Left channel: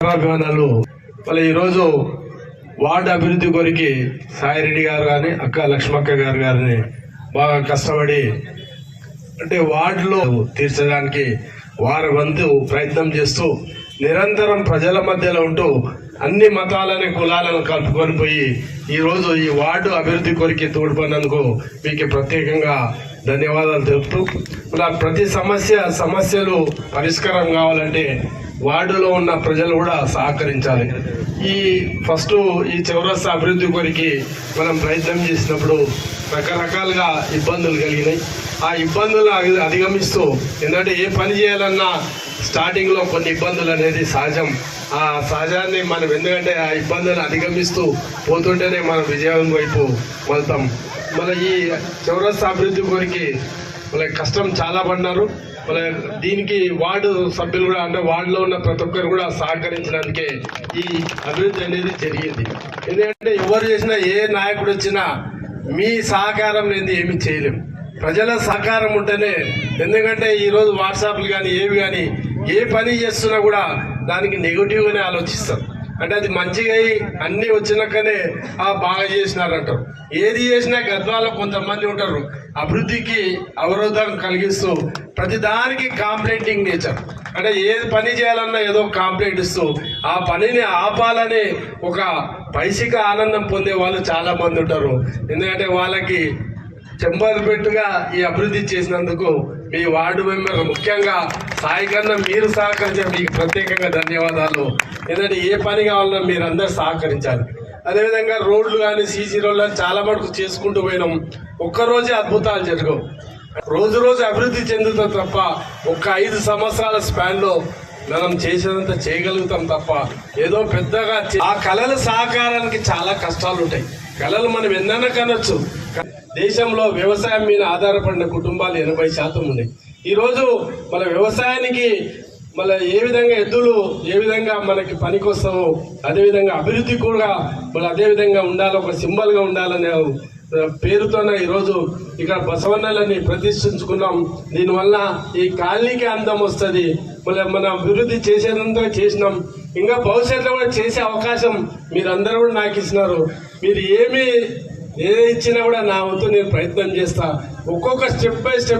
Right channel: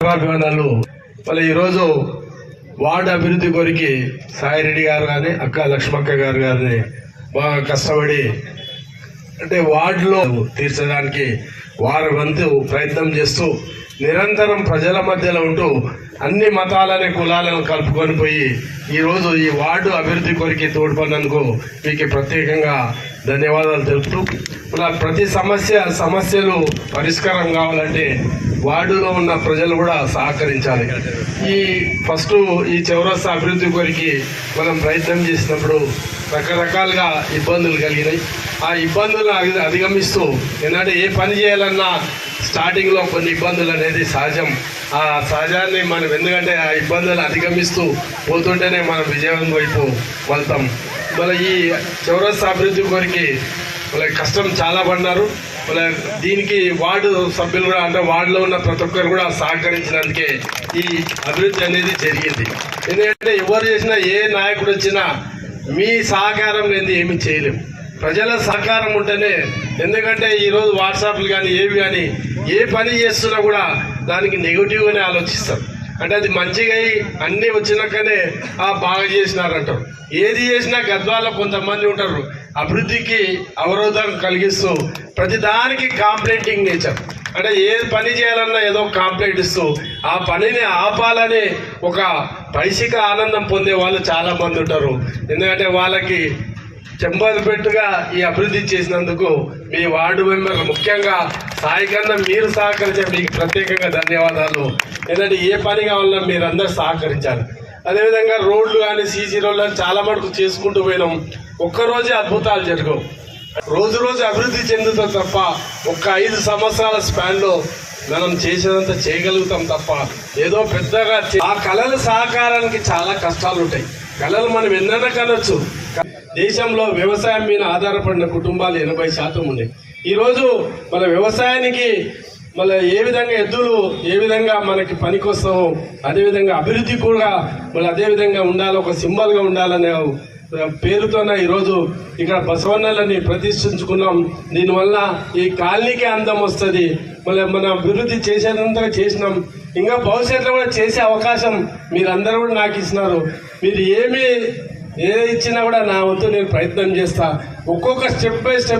అభిమానాలు మళ్ళీ ఈరోజు వార్డు అభివృద్ధి కొరికి సాయిరెడ్డి గారు కానీ అక్క లక్ష్మక్క గారు గారిని బాగా కష్టపడి అంటే వార్డులో తీర్చడానికి వారి వంతు ప్రయత్నం చేస్తూ నిరంతరం ప్రజల మధ్యలో ఉంటూ అన్ని మతాలని కులాలను కలుపుకొని పోయి ఈరోజు ఈ వార్డు అభివృద్ధి కొరికి తోడ్పడినందుకు మీకు ప్రత్యేకంగా ధన్యవాదాలు తెలుపుతూ ఇలా ప్రతి సమస్య సమస్యలు పరిష్కారం కావాలంటే వార్డులో ఉన్న ప్రజలు కూడా సహకరించాలి. ఈ ఫస్ట్ ఈ చౌరస్తా అభివృద్ధి కొరికి మనం ప్రయత్నం చేసినప్పుడు రకరకాలుగా ఇబ్బందులు కలిగినాయి. ఆ ఇబ్బందులు అధిగమిస్తూ ఏంటంటే ఏ పని చేయాలన్నా స్టార్టింగ్లో కొన్ని ఇబ్బందులు అనేది సహజం. ఆ సహజాన్ని మనం ఎందుకంటే ఆ ఇబ్బందులు అధిగమిస్తూ పోతుంటేనే మనం విజయం వైపు వెళ్తాం. మన ఈ చౌరస్తా అభివృద్ధి కొరికి వాళ్ళకి కష్టం చాలా పడినారు మన దీనికి వార్డు సభ్యులు కూడా అంటే వార్డులో ఉన్న ప్రతి ఒక్కరు కూడా సహకరించినందుకే ఈ అభివృద్ధి అనేది జరిగింది. ఎందుకంటే ఎవరు చేసినా ఏ నాయకుడు వచ్చినా మీ సహకారం లేని ఏమి చేయలేం. ప్రజల సహకారం ఉంటేనే ఎందుకంటే ఈరోజు వాట్సాప్లు కానీ ఏవి కానీ ఏ పని చేస్తున్నా కూడా దానికి నెగిటివ్గానే ఆలోచిస్తారు అంటే అది మంచిగా అయి అన్నీ వచ్చినాకనే ఆ బాగా చేసినారంటారు ఏది చేసినా గద్వాల కొంతమంది ఉంటారు. అభివృద్ధికి అవరోధం కలిగిస్తూ ప్రతి దానికి కాంప్లైంటింగ్ నేచర్ అంటే ఏ పని చేయాలన్నా ఏదో కాంప్లైంట్ ఇస్తూ ఆ పనిని ఆపాలని ఒక పైసిక ఆనందం పొందే వాళ్ళు చాలా మంది ఉంటారు. ఎందుకంటే వాళ్ళకి చెంబోలు పెట్టుగా ఈ అభివృద్ధి చేసినందుకు మీ వార్డు మెంబర్ ముఖ్యంగా సాయి కన్నా మీరు సహకరించే మీకు ప్రత్యేకంగా ధన్యవాదాలు. ఎందుకంటే ఏ పని కావాలన్నా మీరు అందరు సహకరించాలి. అదేవిధంగా రోడ్లు కానీ సీసీ రోడ్లు కానీ చాలా మటుకు చేసుకుంటూ పోయినాం. ఒక్కరోజే అద్భుతాలు జరగవు. రోజు రోజు అభివృద్ధి చెందుతాం తప్ప ఒక్క ఐదు సంవత్సరాల స్పాన్లో మనం చేసేదంత చేయగలుగుతాం తప్ప ఏదో పెద్దగా ఆ కళల సహకారానికి చాలా కష్టాలు ఉంటాయి. కళలు మనం ఎన్నైనా కనొచ్చు. దేశంలో వ్యవసాయం మీద ఆధారపడిన కుటుంబాలు ఎనభై శాతం ఉన్నాయి. ఈరోజు మన వ్యవసాయానికి మన ఏ విధంగా ఎద్దులు ఏ విధంగా మనకి పనికొస్తామో అదేవిధంగా అభివృద్ధి కూడా మన అదే విధంగా ఉండాలి ఒక సింబల్గా ఉండాలనే పేరుతోనే ఈరోజు ఇక్కడ బసవన్నలని ప్రతిష్ఠించుకున్నాం. దీనివల్ల ఈ కాలనీకి అందం వస్తుంది. మళ్ళీ మనం అభివృద్ధి చేసేంత చేసినాం. ఇంకా భవిష్యత్తులో కూడా చేసే అవకాశం మీరందరూ కూడా నాకు ఇచ్చినారు. మీరు ఏమి ఏది ఇచ్చినా కూడా నా వంతు నేను ప్రయత్నం చేస్తా. ఒక్కొక్క స్టెప్ బై స్టెప్